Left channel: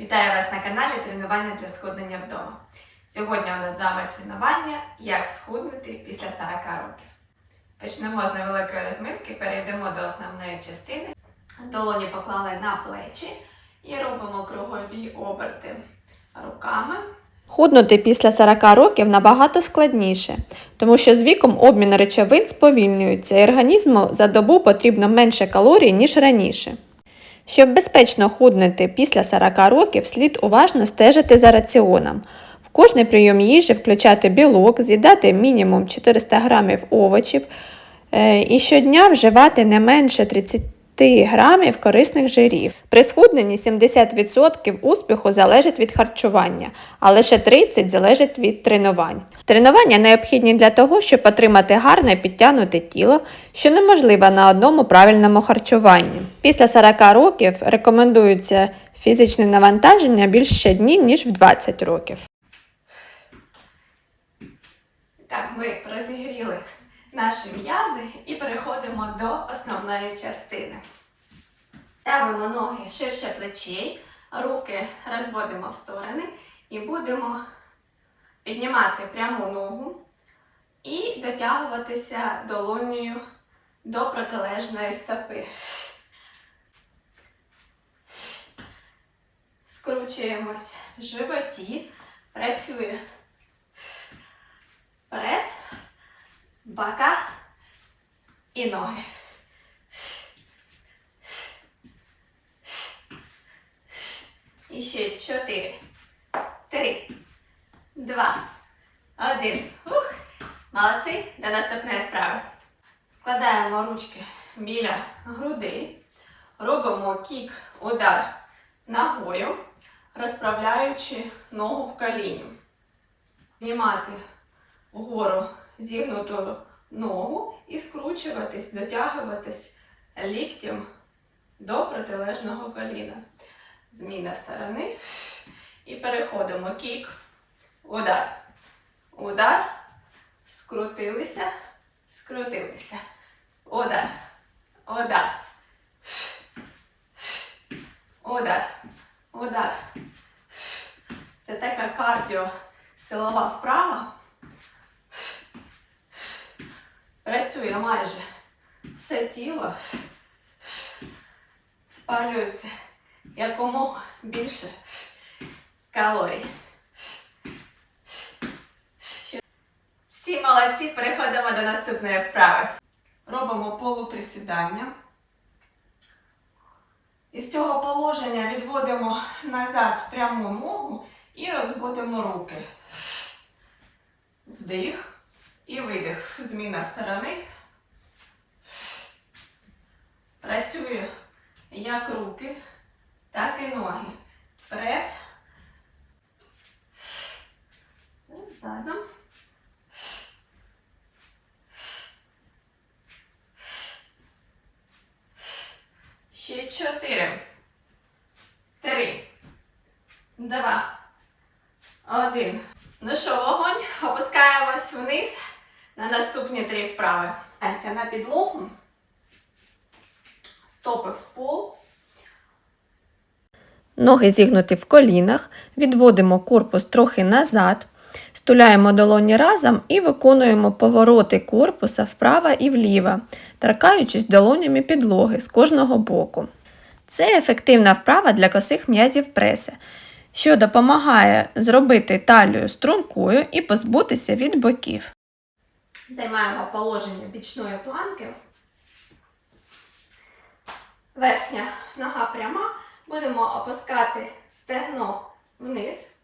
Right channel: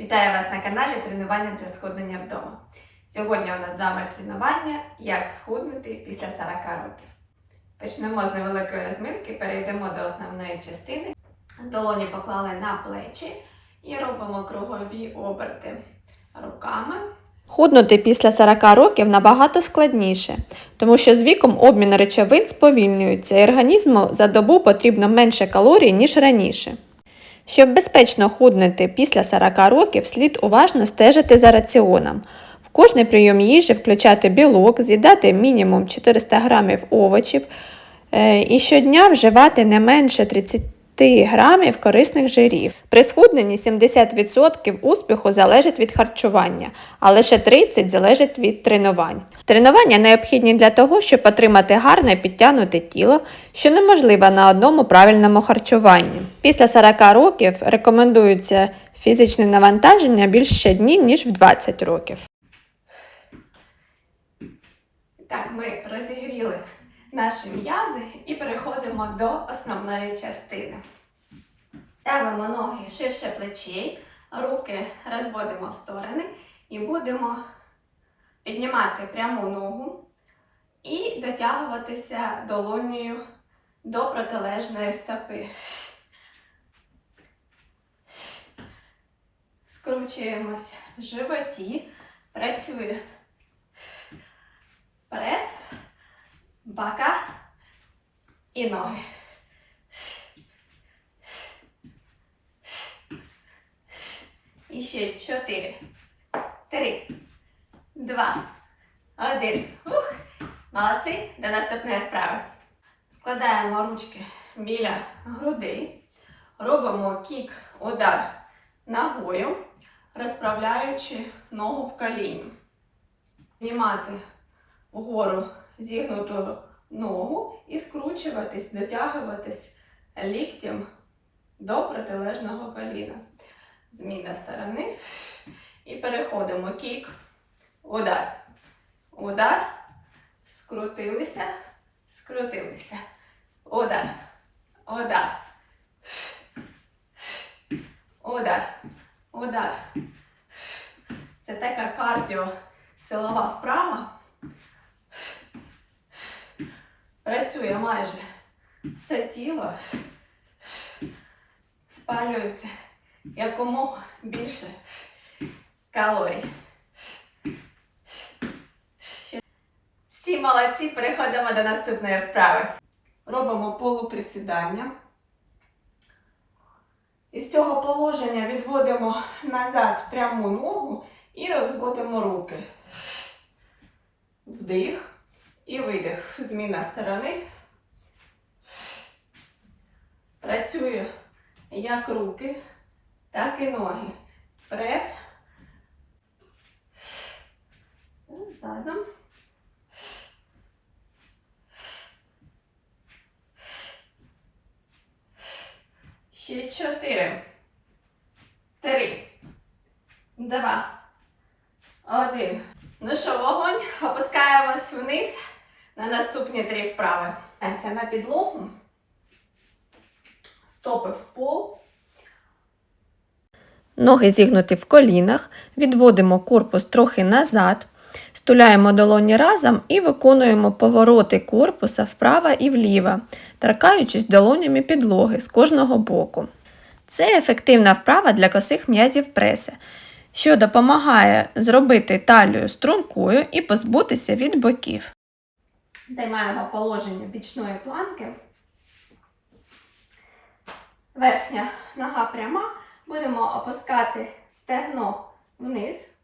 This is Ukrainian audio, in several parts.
Вітаю вас на каналі Тренування для схуднення вдома. Сьогодні у нас з вами тренування Як схуднути після 40 років. Почнемо з невеликої розминки, перейдемо до основної частини. Долоні поклали на плечі і робимо кругові оберти руками. Худнути після 40 років набагато складніше, тому що з віком обмін речовин сповільнюється і організму за добу потрібно менше калорій, ніж раніше. Щоб безпечно худнути після 40 років, слід уважно стежити за раціоном. В кожний прийом їжі включати білок, з'їдати мінімум 400 грамів овочів е, і щодня вживати не менше 30 грамів корисних жирів. При схудненні 70% успіху залежить від харчування, а лише 30% залежить від тренувань. Тренування необхідні для того, щоб отримати гарне підтягнуте тіло, що неможливо на одному правильному харчуванні. Після 40 років рекомендується фізичне навантаження більш щодні, ніж в 20 років. Так, ми розігріли наші м'язи і переходимо до основної частини. Ставимо ноги ширше плечей, руки розводимо в сторони і будемо піднімати пряму ногу і дотягуватися долонею до протилежної стопи. Скручуємось в животі, працює прес, бока і ноги. І ще чотири, три, два, один. Ух, молодці. До наступної вправи. Складаємо ручки біля грудей. Робимо кік, удар ногою, розправляючи ногу в коліні. Піднімати вгору зігнуту ногу і скручуватись, дотягуватись ліктем до протилежного коліна. Зміна сторони. І переходимо кік, удар, удар, скрутилися, скрутилися. Удар, удар. Удар, удар. Це така кардіо силова вправа. Працює майже все тіло, спалюється якомога більше калорій. Всі молодці, переходимо до наступної вправи. Робимо полуприсідання. Із цього положення відводимо назад пряму ногу і розводимо руки. Вдих і видих. Зміна сторони. Працює як руки, так і ноги. Прес. Задом. Ще чотири. Три. Два. Один. Ну що, вогонь. Опускаємось вниз на наступні три вправи. Даємося на підлогу. Стопи в пол. Ноги зігнуті в колінах, відводимо корпус трохи назад, стуляємо долоні разом і виконуємо повороти корпуса вправо і вліво, торкаючись долонями підлоги з кожного боку. Це ефективна вправа для косих м'язів преси, що допомагає зробити талію стрункою і позбутися від боків. Займаємо положення бічної планки. Верхня нога пряма. Будемо опускати стегно вниз,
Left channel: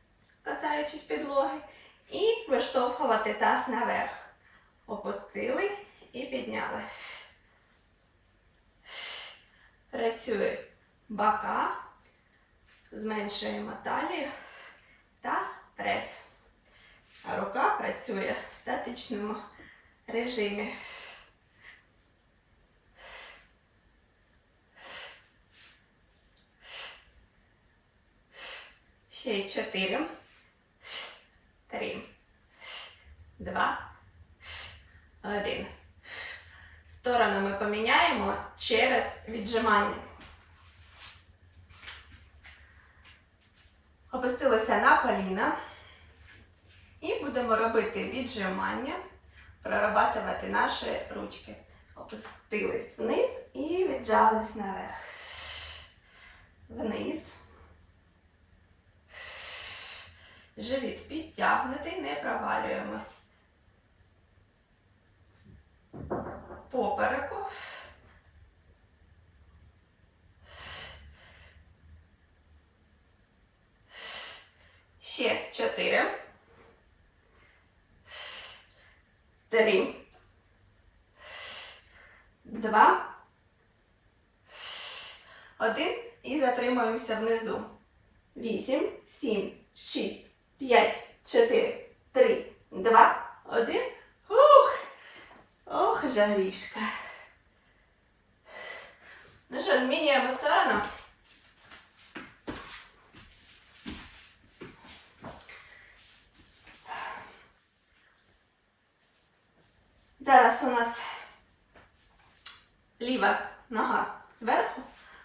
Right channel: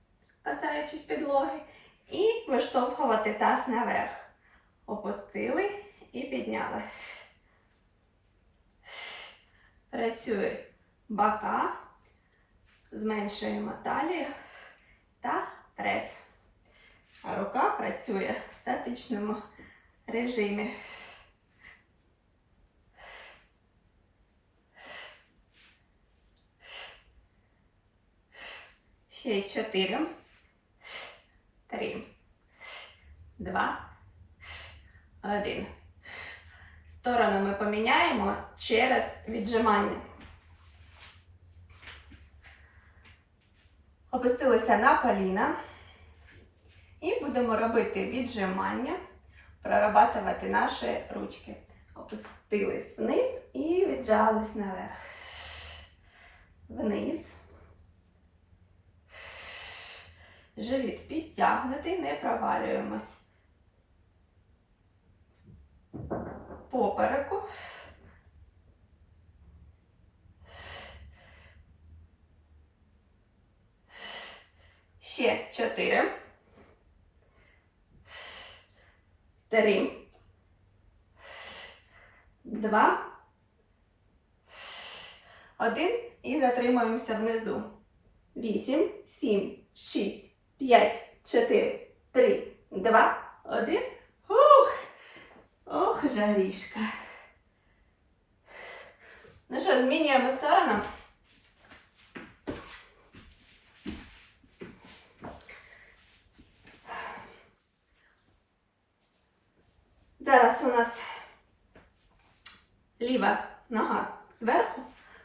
касаючись підлоги, і виштовхувати таз наверх. Опустили і підняли. Працює бока, зменшуємо талію та прес. Рука працює в статичному режимі. Ще чотири. Три. Два. Один. Сторону ми поміняємо через віджимання. Опустилися на коліна. І будемо робити віджимання, прорабатувати наші ручки. Опустились вниз і віджались наверх. Вниз. Живіт підтягнутий, не провалюємось. Попереку. Ще чотири. Три. Два. Один. І затримуємося внизу. Вісім, сім, шість, п'ять, чотири, три, два, один. Ух! Ох, жарішка. Ну що, змінюємо сторону. Зараз у нас ліва нога зверху.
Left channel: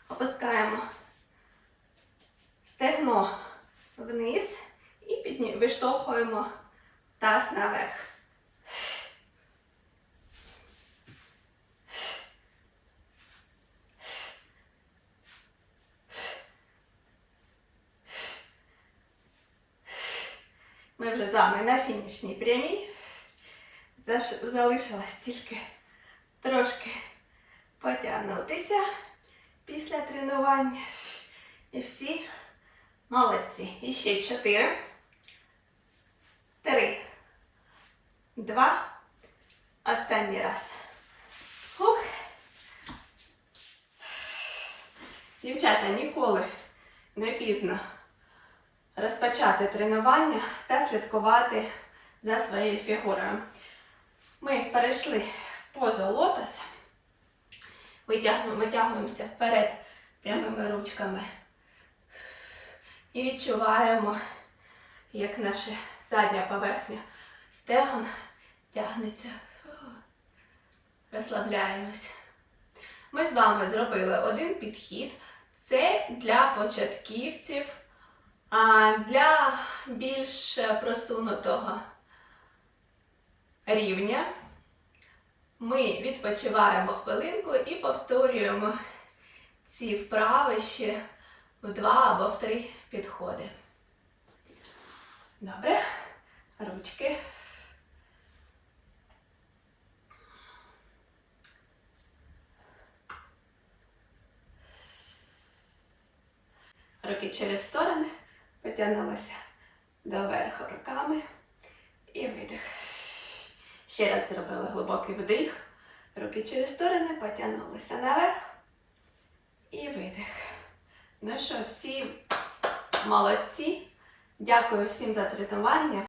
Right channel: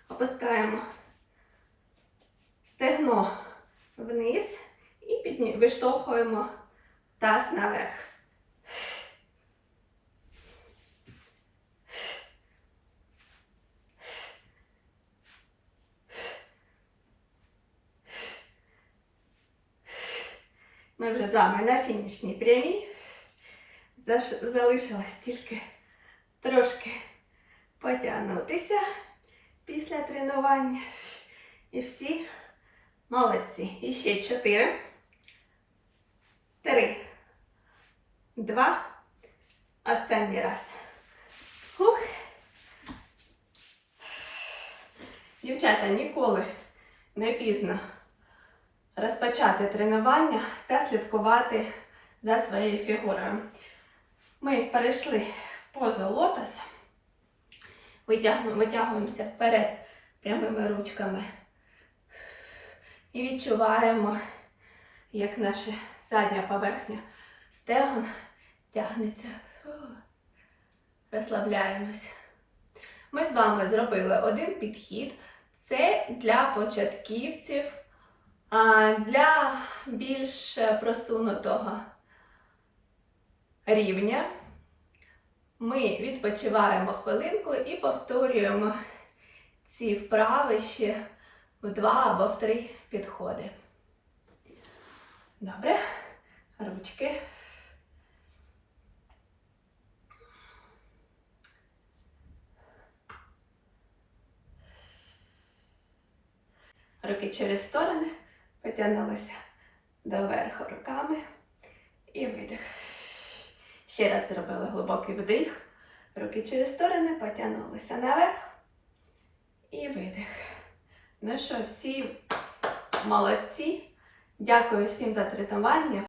Опускаємо стегно вниз і підні... виштовхуємо таз наверх. Ми вже з вами на фінішній прямій. Залишилось тільки трошки потягнутися після тренування. І всі молодці. І ще чотири. Три. Два. Останній раз. Хух. Дівчата, ніколи не пізно розпочати тренування та слідкувати за своєю фігурою. Ми перейшли в позу. Витягуємо, витягуємося вперед прямими ручками. І відчуваємо, як наша задня поверхня стегон тягнеться. Фу. Розслабляємося. Ми з вами зробили один підхід. Це для початківців, а для більш просунутого рівня. Ми відпочиваємо хвилинку і повторюємо ці вправи ще в два або в три підходи. Добре. Ручки. Руки через сторони. Потягнулися доверху руками. І видих. Ще раз зробили глибокий вдих. Руки через сторони потягнулися наверх. І видих. Ну що, всі молодці. Дякую всім за тренування.